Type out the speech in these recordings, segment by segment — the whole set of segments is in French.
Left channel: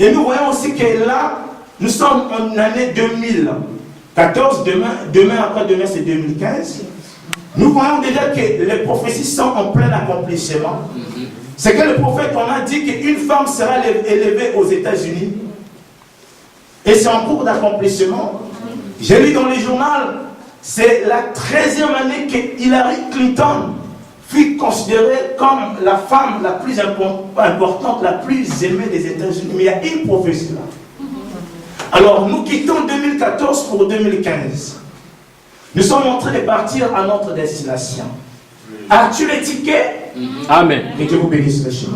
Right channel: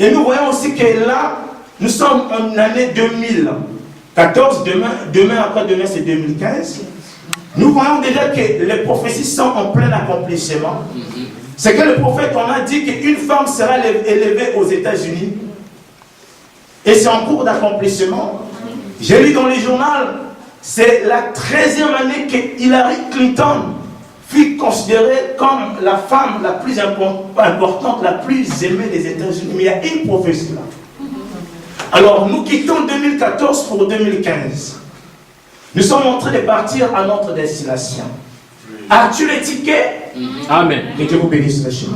Et nous voyons aussi que là, nous sommes en année 2014, demain c'est 2015. Nous voyons déjà que les prophéties sont en plein accomplissement. C'est que le prophète, on a dit qu'une femme sera élevée aux États-Unis. Et c'est en cours d'accomplissement. J'ai lu dans le journal, c'est la 13e année que Hillary Clinton fut considérée comme la femme la plus importante, la plus aimée des États-Unis. Mais il y a une prophétie là. Alors nous quittons 2014 pour 2015. Nous sommes en train de partir à notre destination. As-tu les tickets? Amen. Que Dieu vous bénisse, mes chers.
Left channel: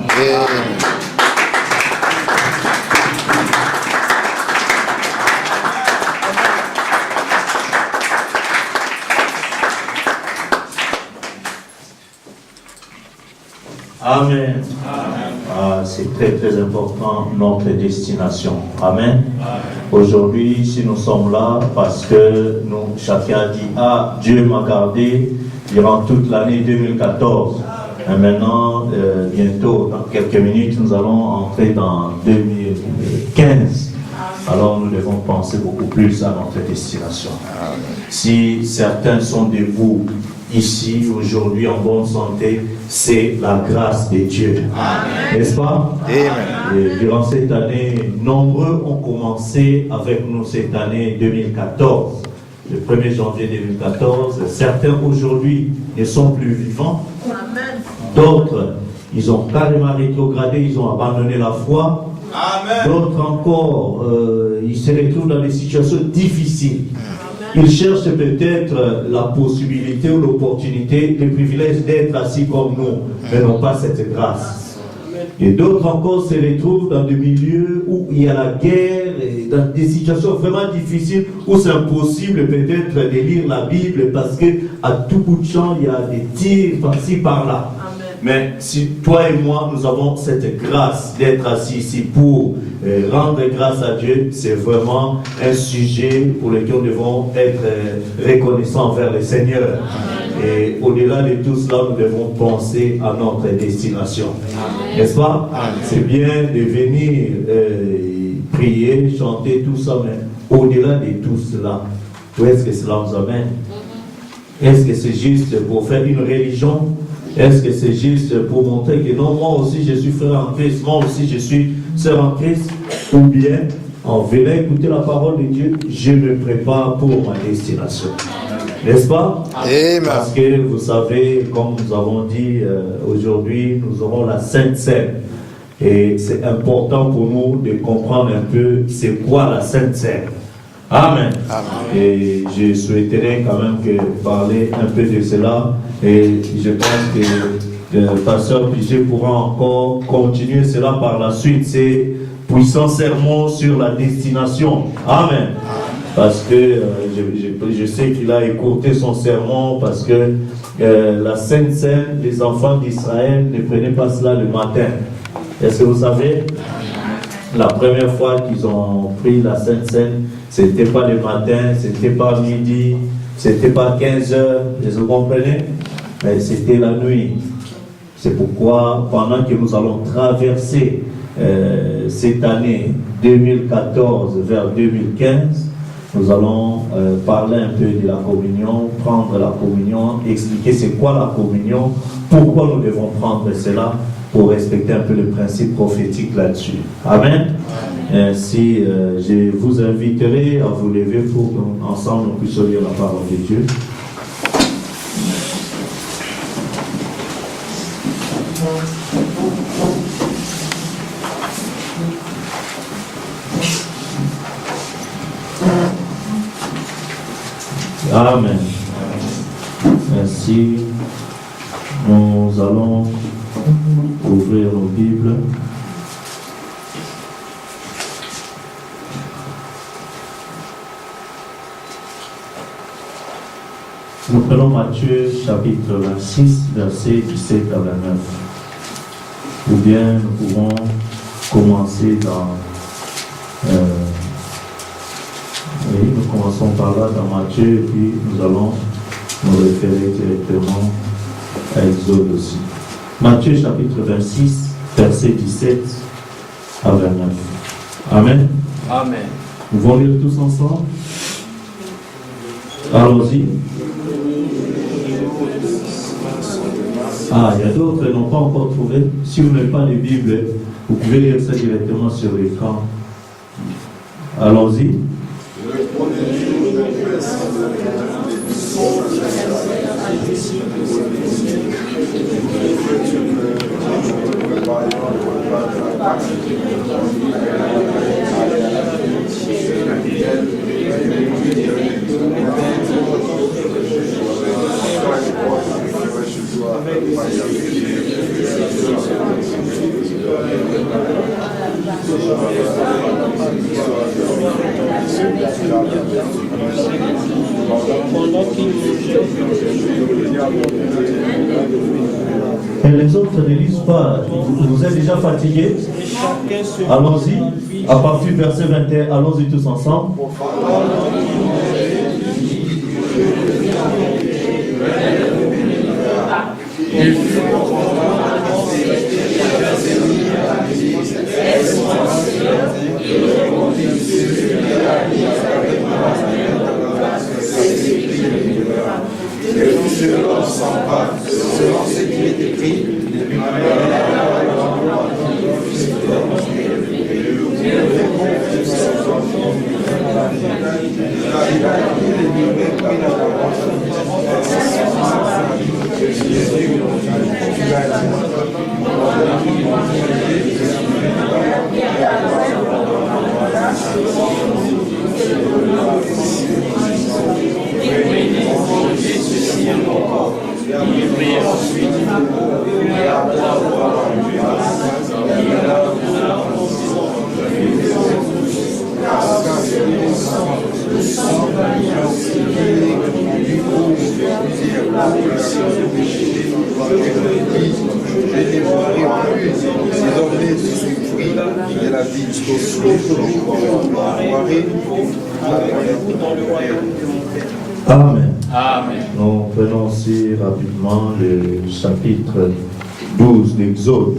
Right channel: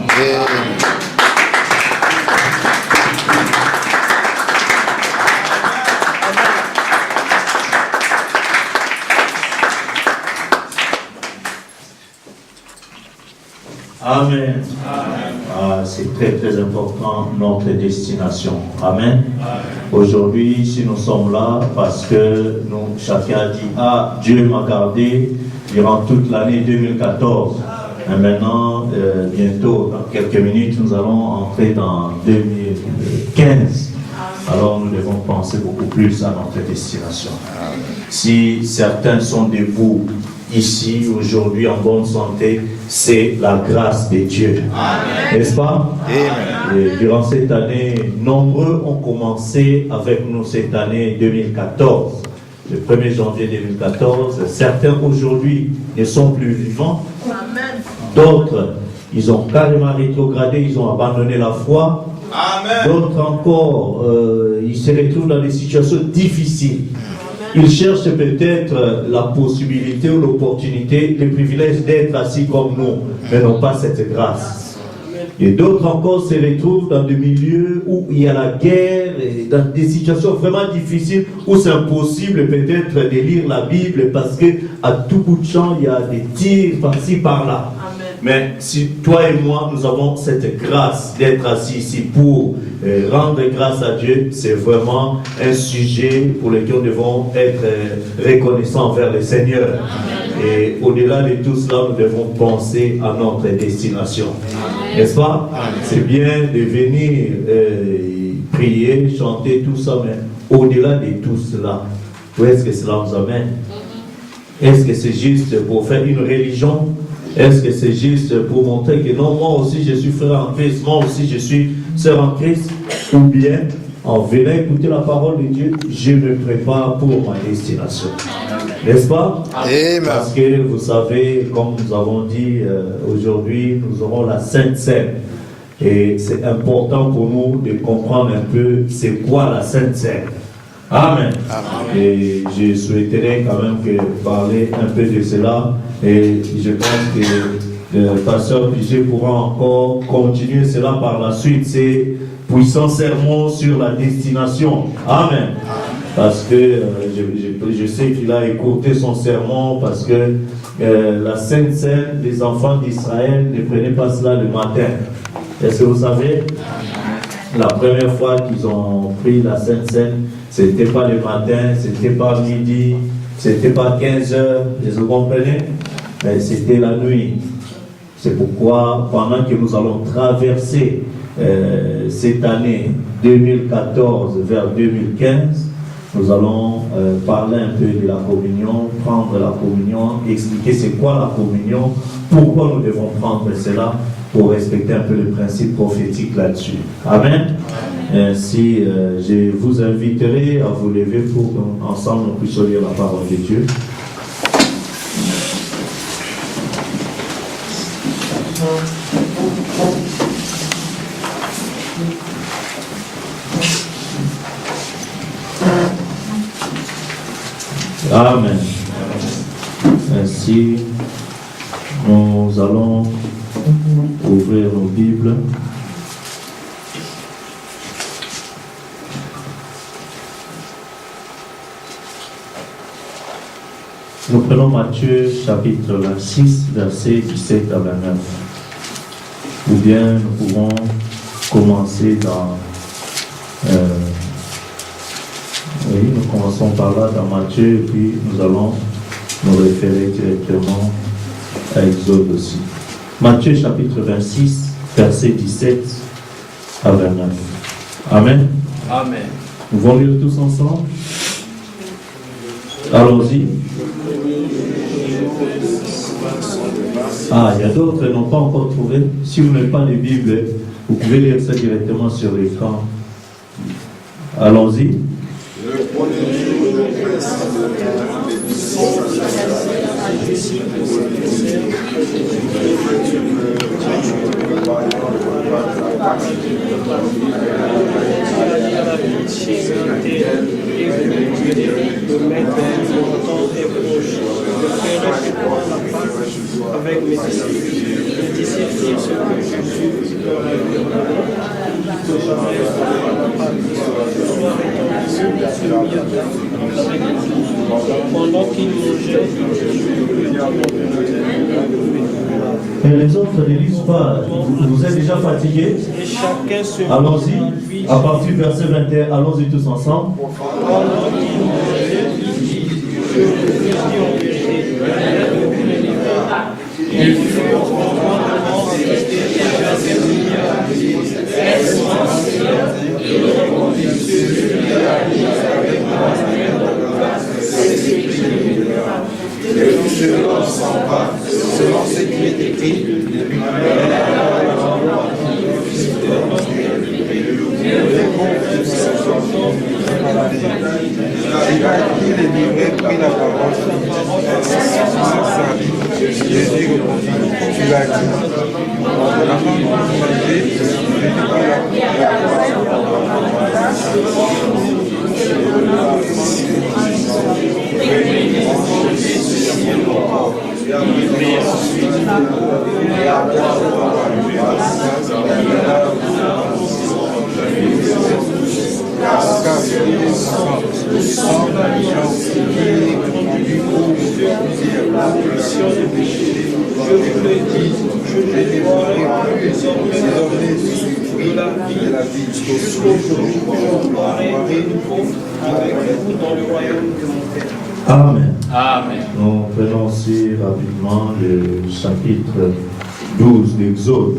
Amen. Ah, c'est très très important, notre destination. Amen. Aujourd'hui, si nous sommes là, parce que nous, chacun a dit, ah, Dieu m'a gardé durant toute l'année 2014. Et maintenant, bientôt, dans quelques minutes, nous allons entrer dans 2015. Alors nous devons penser beaucoup plus à notre destination. Si certains sont debout ici, aujourd'hui, en bonne santé, c'est la grâce de Dieu. N'est-ce pas? Amen. Et durant cette année, nombreux ont commencé avec nous cette année 2014. Le 1er janvier 2014, certains aujourd'hui ne sont plus vivants. Amen. D'autres, ils ont carrément rétrogradé, ils ont abandonné la foi. Amen. D'autres encore, ils se retrouvent dans des situations difficiles. Ils cherchent peut-être la possibilité ou l'opportunité, le privilège d'être assis comme nous, mais n'ont pas cette grâce. Et d'autres encore se retrouvent dans des milieux où il y a la guerre, et dans des situations vraiment difficiles, où c'est impossible peut-être de lire la Bible parce qu'à tout bout de champ, il y a des tirs par-ci, par-là. Mais si toi et moi, nous avons cette grâce d'être assis ici pour rendre grâce à Dieu, c'est vraiment un sujet pour lequel nous devons être reconnaissants envers le Seigneur. Et au-delà de tout cela, nous devons penser à notre destination. N'est-ce pas? C'est bien de venir prier, chanter, tout ça, mais au-delà de tout cela, où est-ce que cela nous amène? Est-ce que c'est juste pour faire une religion? Est-ce que c'est juste pour montrer que non, moi aussi je suis frère en Christ, moi aussi je suis sœur en Christ? Ou bien, en venant écouter la parole de Dieu, je me prépare pour ma destination. N'est-ce pas? Amen. Parce que vous savez, comme nous avons dit aujourd'hui, nous aurons la Sainte Seine. Et c'est important pour nous de comprendre un peu c'est quoi la Sainte Seine. Amen. Amen. Et je souhaiterais quand même parler un peu de cela. Et je pense que le pasteur Pichet pourra encore continuer cela par la suite. C'est puissant sermon sur la destination. Amen. Parce que je sais qu'il a écouté son sermon parce que la Sainte Seine, les enfants d'Israël ne prenaient pas cela le matin. Est-ce que vous savez? La première fois qu'ils ont pris la Sainte Seine, c'était pas le matin, c'était pas midi, c'était pas 15 heures, vous comprenez? Mais c'était la nuit. C'est pourquoi, pendant que nous allons traverser cette année 2014 vers 2015, nous allons parler un peu de la communion, prendre la communion, expliquer c'est quoi la communion, pourquoi nous devons prendre cela, pour respecter un peu le principe prophétique là-dessus. Amen. Ainsi, je vous inviterai à vous lever pour qu'ensemble nous puissions lire la parole de Dieu. Amen. Ainsi, nous allons ouvrir nos Bibles. Nous prenons Matthieu chapitre 26, versets 17 à 29. Ou bien nous pouvons commencer dans... oui, nous commençons par là dans Matthieu et puis nous allons nous référer directement à Exode aussi. Matthieu chapitre 26, versets 17 à 29. Amen. Amen. Nous allons lire tous ensemble. Allons-y. Ah, il y a d'autres qui n'ont pas encore trouvé. Si vous n'avez pas de Bible, vous pouvez lire ça directement sur l'écran. Allons-y. Et les autres ne lisent pas. Vous êtes déjà fatigués? Allons-y. À partir du verset 21, allons-y tous ensemble. Selon ce qui est écrit, Amen. Amen. Nous prenons aussi rapidement le chapitre 12 d'Exode.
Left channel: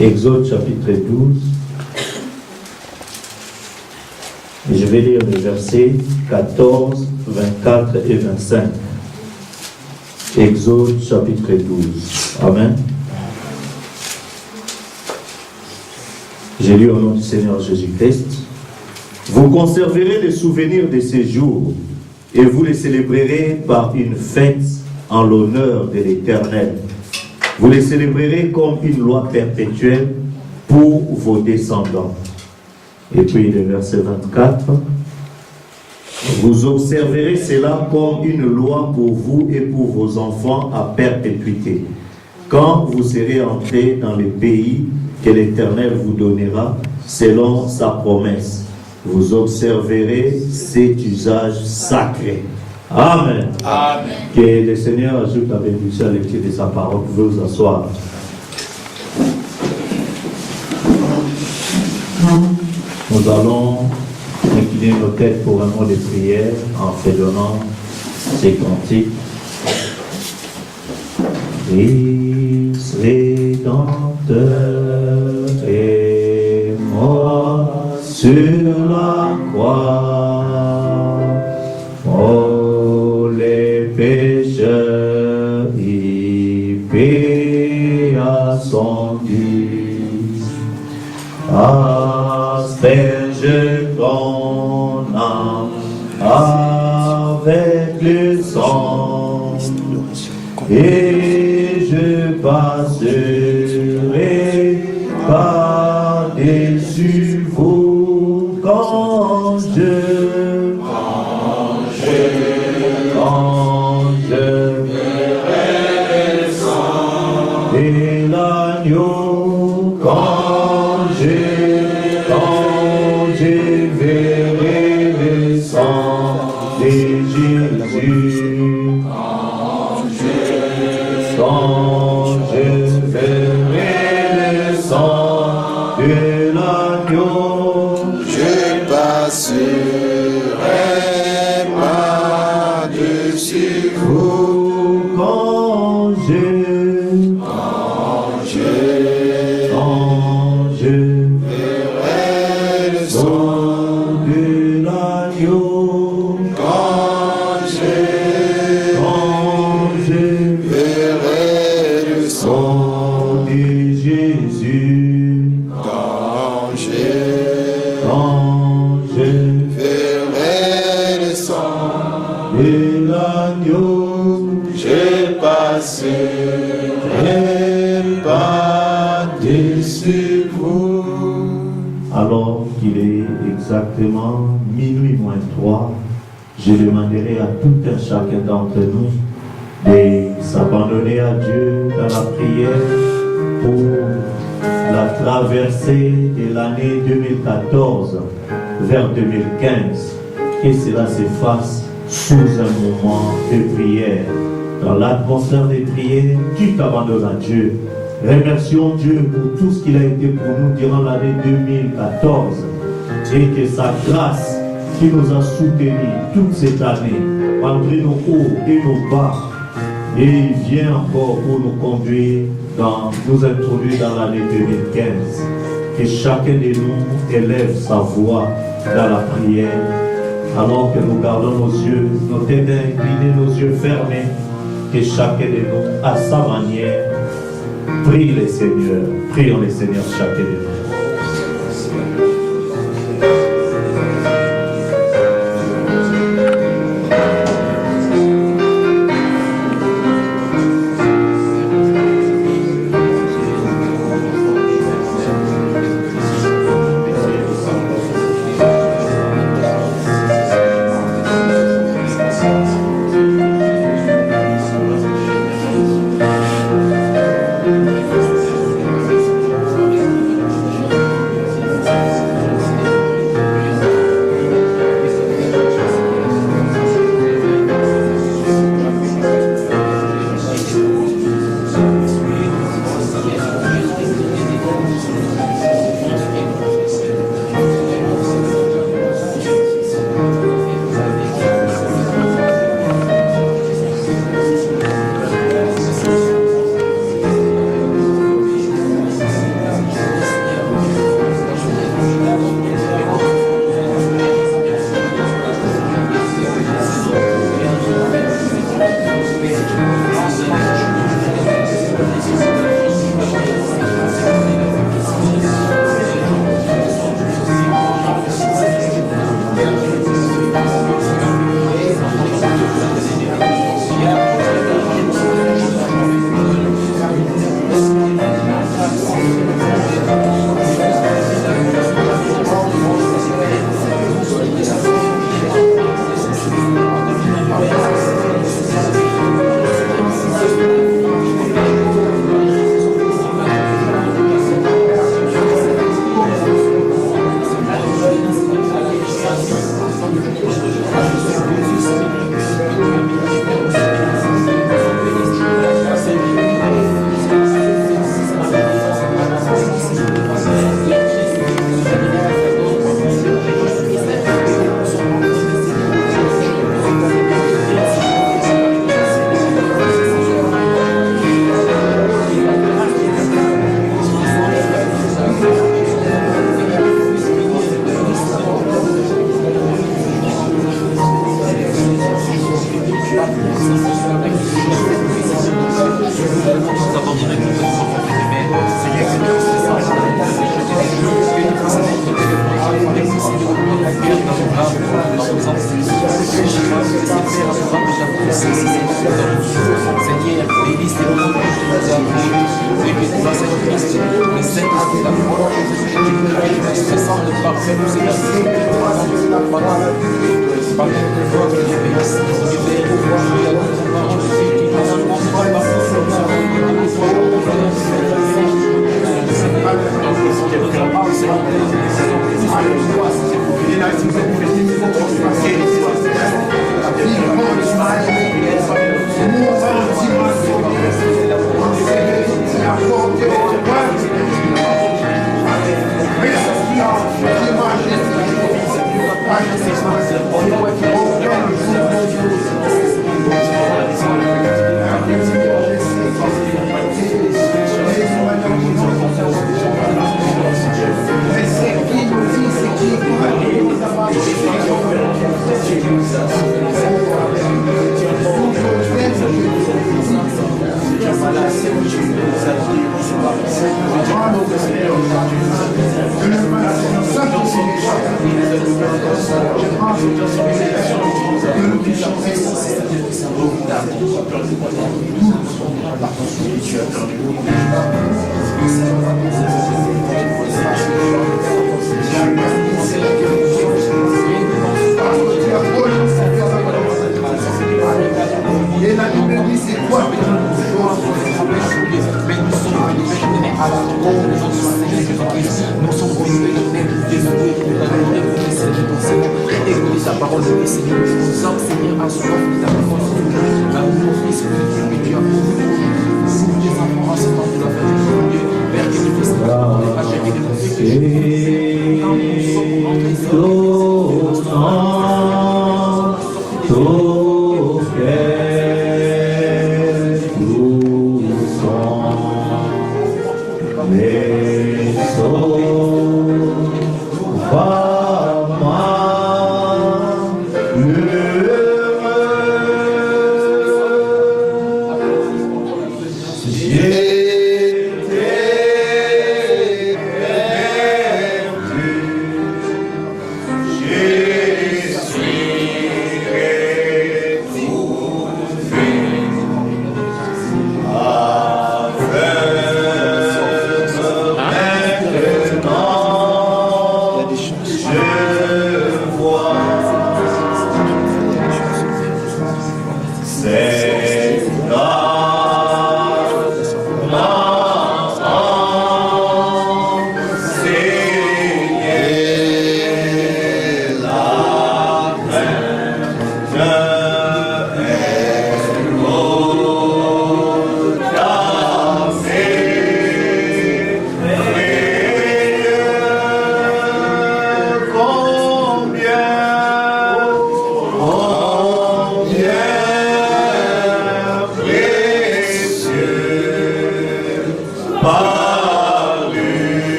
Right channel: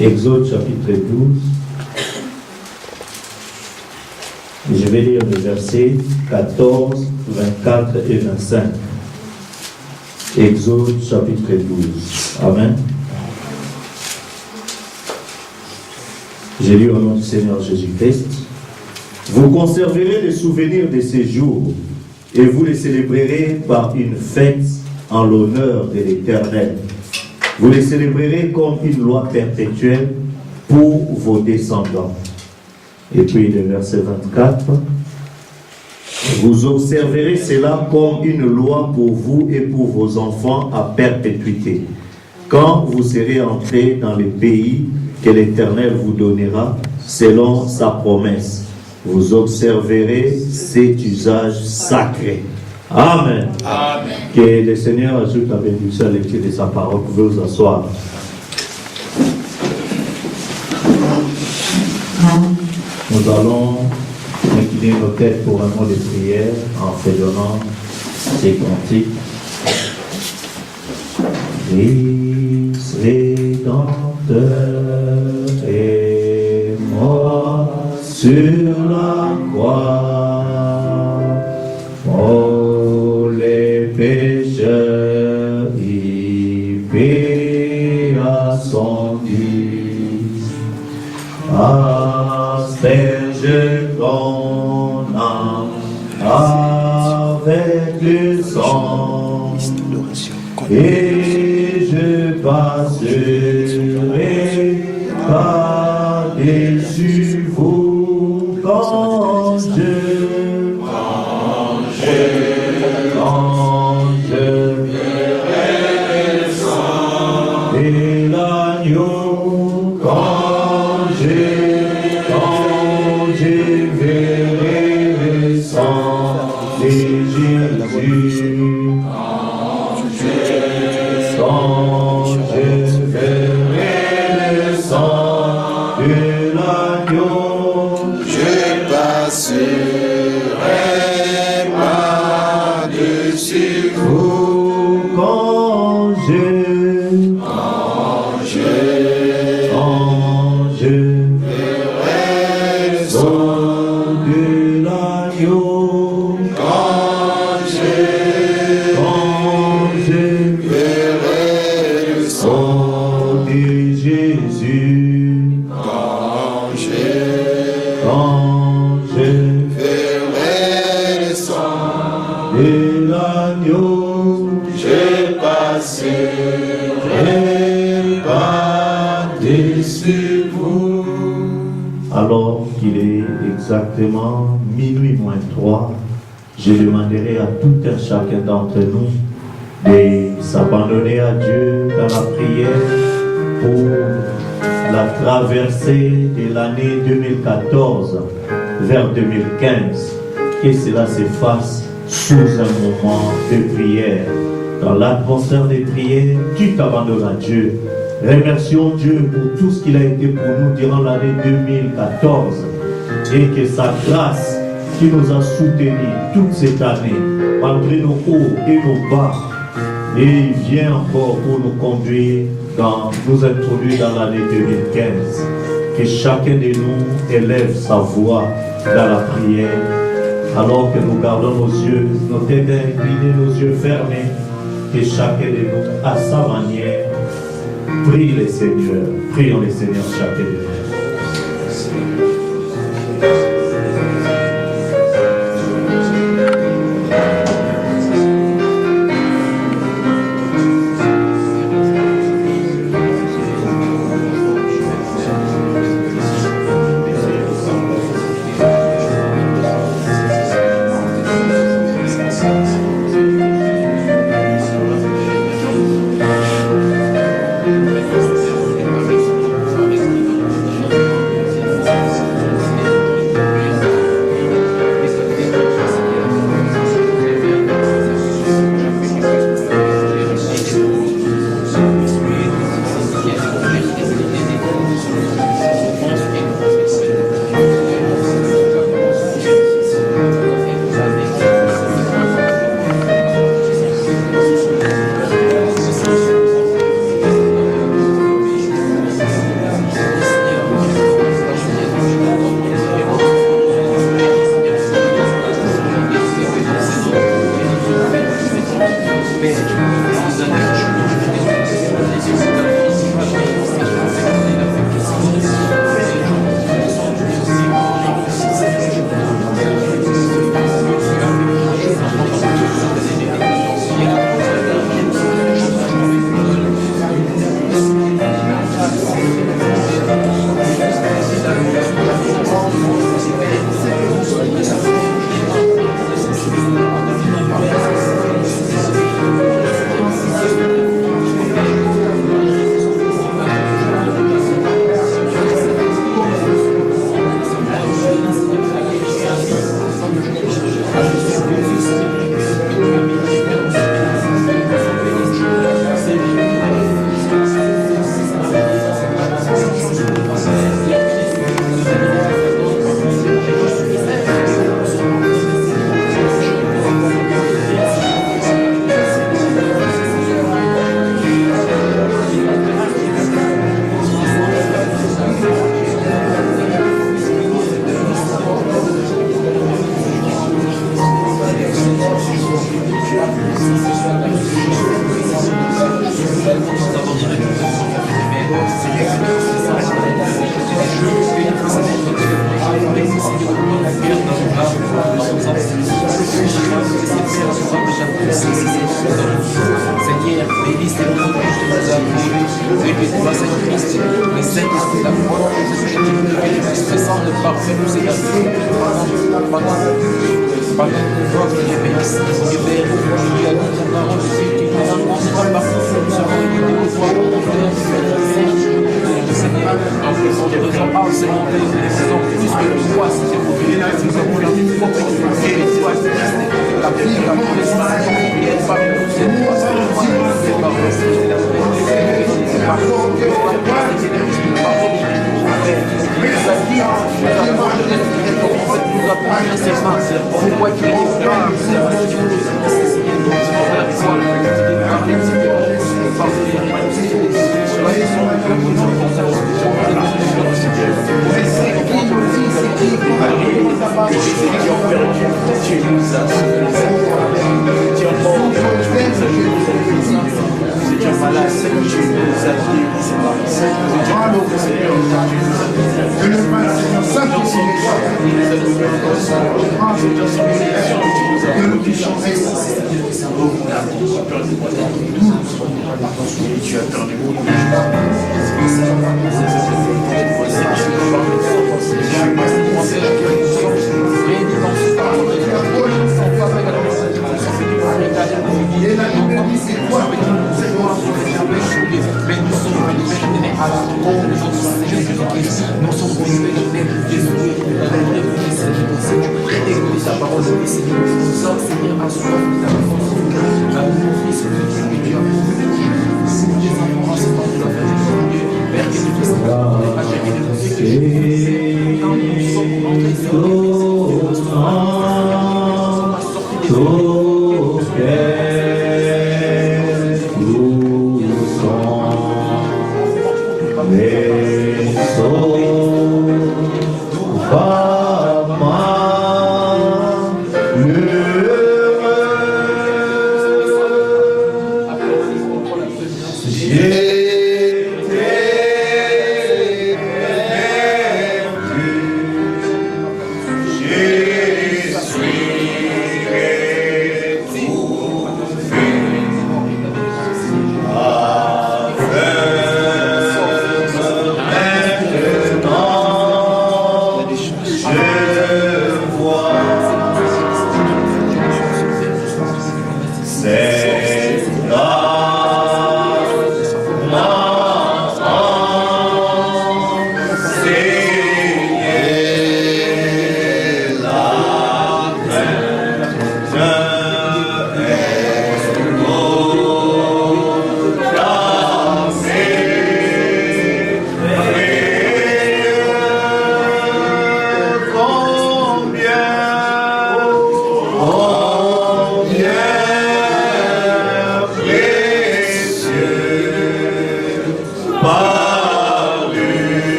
Exode chapitre 12. Et je vais lire les versets 14, 24 et 25. Exode chapitre 12. Amen. J'ai lu au nom du Seigneur Jésus-Christ. Vous conserverez les souvenirs de ces jours et vous les célébrerez par une fête en l'honneur de l'Éternel. Vous les célébrerez comme une loi perpétuelle pour vos descendants. Et puis le verset 24. Vous observerez cela comme une loi pour vous et pour vos enfants à perpétuité. Quand vous serez entrés dans le pays que l'Éternel vous donnera selon sa promesse, vous observerez cet usage sacré. Amen. Amen. Que le Seigneur ajoute avec vous à la lecture de sa parole. Vous pouvez vous asseoir. Nous allons incliner nos têtes pour un mot de prière en fredonnant ces cantiques. Christ rédempteur est mort sur la croix. Oh, les pécheurs y paya son Dieu. Asperge ton âme avec le sang et je passerai par-dessus vous quand je verrai le sang et l'agneau, quand je verrai le sang de Jésus, quand je verrai le sang de l'agneau. Jésus, Quand je ferai le sang de l'agneau, je passerai par-dessus vous. alors qu'il est exactement minuit moins 3, je demanderai à tout un chacun d'entre nous de s'abandonner à Dieu dans la prière pour la traversée de l'année 2014 vers 2015. Que cela se fasse sous un moment de prière. Dans l'atmosphère de prière, tu t'abandonnes à Dieu. Remercions Dieu pour tout ce qu'il a été pour nous durant l'année 2014 et que sa grâce qui nous a soutenus toute cette année, malgré nos hauts et nos bas, et il vient encore pour nous conduire, nous introduire dans l'année 2015. Que chacun de nous élève sa voix dans la prière, alors que nous gardons nos yeux, nos têtes inclinées, nos yeux fermés, que chacun de nous, à sa manière, prie le Seigneur. Prions le Seigneur chacun de nous.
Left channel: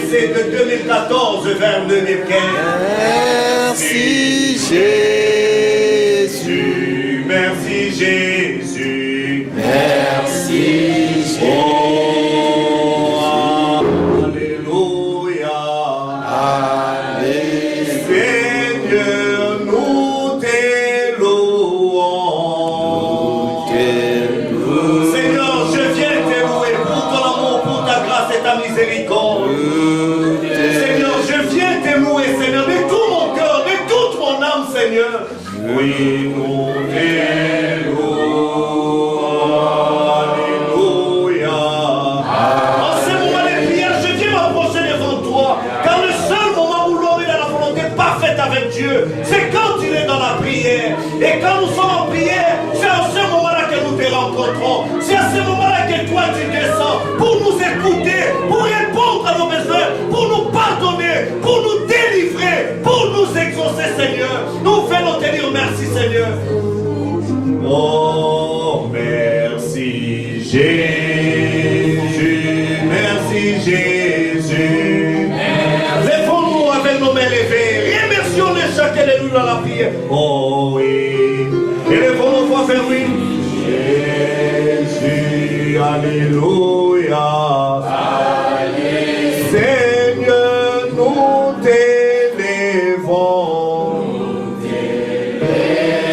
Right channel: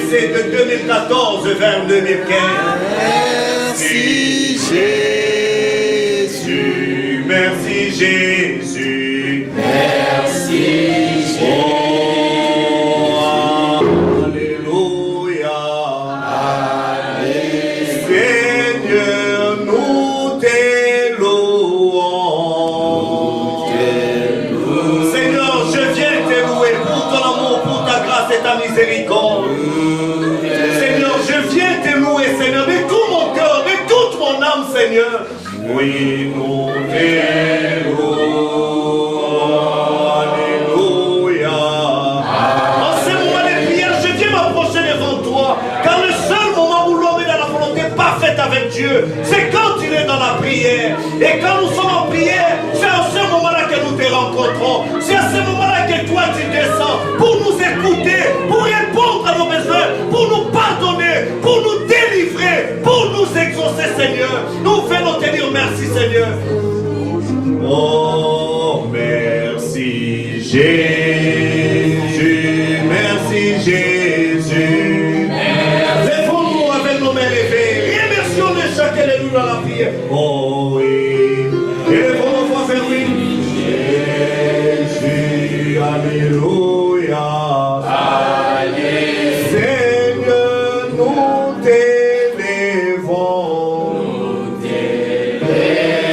traversée de 2014 vers 2015. Merci Jésus. Merci Jésus. Merci Jésus. Oh, Alléluia. Alléluia. Seigneur, nous t'élouons. Seigneur, je viens te louer pour ton amour, pour ta grâce et ta miséricorde. Seigneur, je viens te louer, Seigneur, de tout mon cœur, de toute mon âme, Seigneur. Oui, nous t'élouons. Alléluia. En ce moment de prière, je viens m'approcher devant toi, car le seul moment où l'homme est dans la volonté parfaite avec Dieu, c'est quand il est dans la prière. Et quand nous sommes en prière, c'est à ce moment-là que nous te rencontrons. C'est à ce moment-là que toi tu descends pour nous écouter, pour répondre à nos besoins, pour nous pardonner, pour nous délivrer, pour nous exaucer, Seigneur. Nous venons te dire merci, Seigneur. Oh, merci Jésus, merci Jésus. Lèvons-nous avec nos mains levées. Remercions de chacun de nous dans la prière. Oh oui. Élevons nos voix vers lui. Jésus, alléluia. Seigneur, nous t'élevons.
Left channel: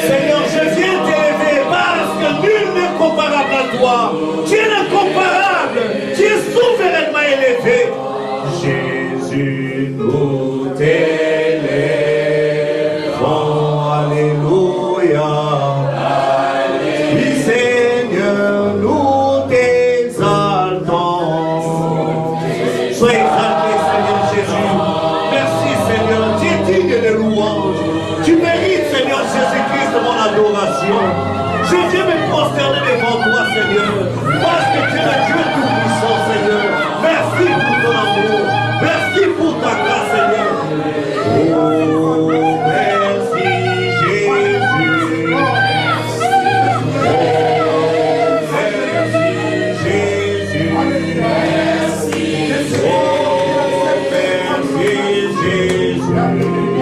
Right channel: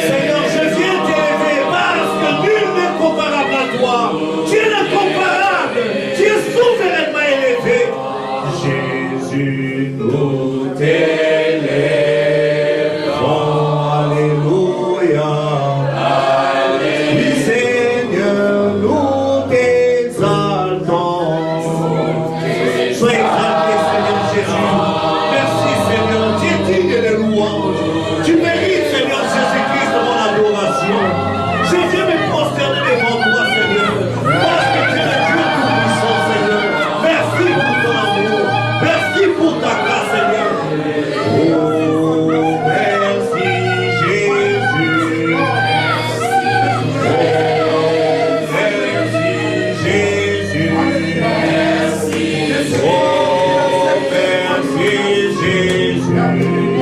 Seigneur, je viens t'élever parce que nul n'est comparable à toi. Tu es l'incomparable. Tu es souverainement élevé. Jésus, nous t'élevons. Alléluia. Oui, Seigneur, nous t'exaltons. Sois exalté, Seigneur Jésus. Merci, Seigneur. Tu es digne de louange. Tu mérites, Seigneur Jésus-Christ, mon adoration. Je viens me prosterner devant toi, Seigneur, parce que tu es le Dieu tout-puissant, Seigneur. Merci pour ton amour. Merci pour ta grâce, Seigneur. Oh, merci, Jésus. Merci, Jésus. Oh, merci, Jésus. Alléluia.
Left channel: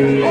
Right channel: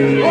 Dieu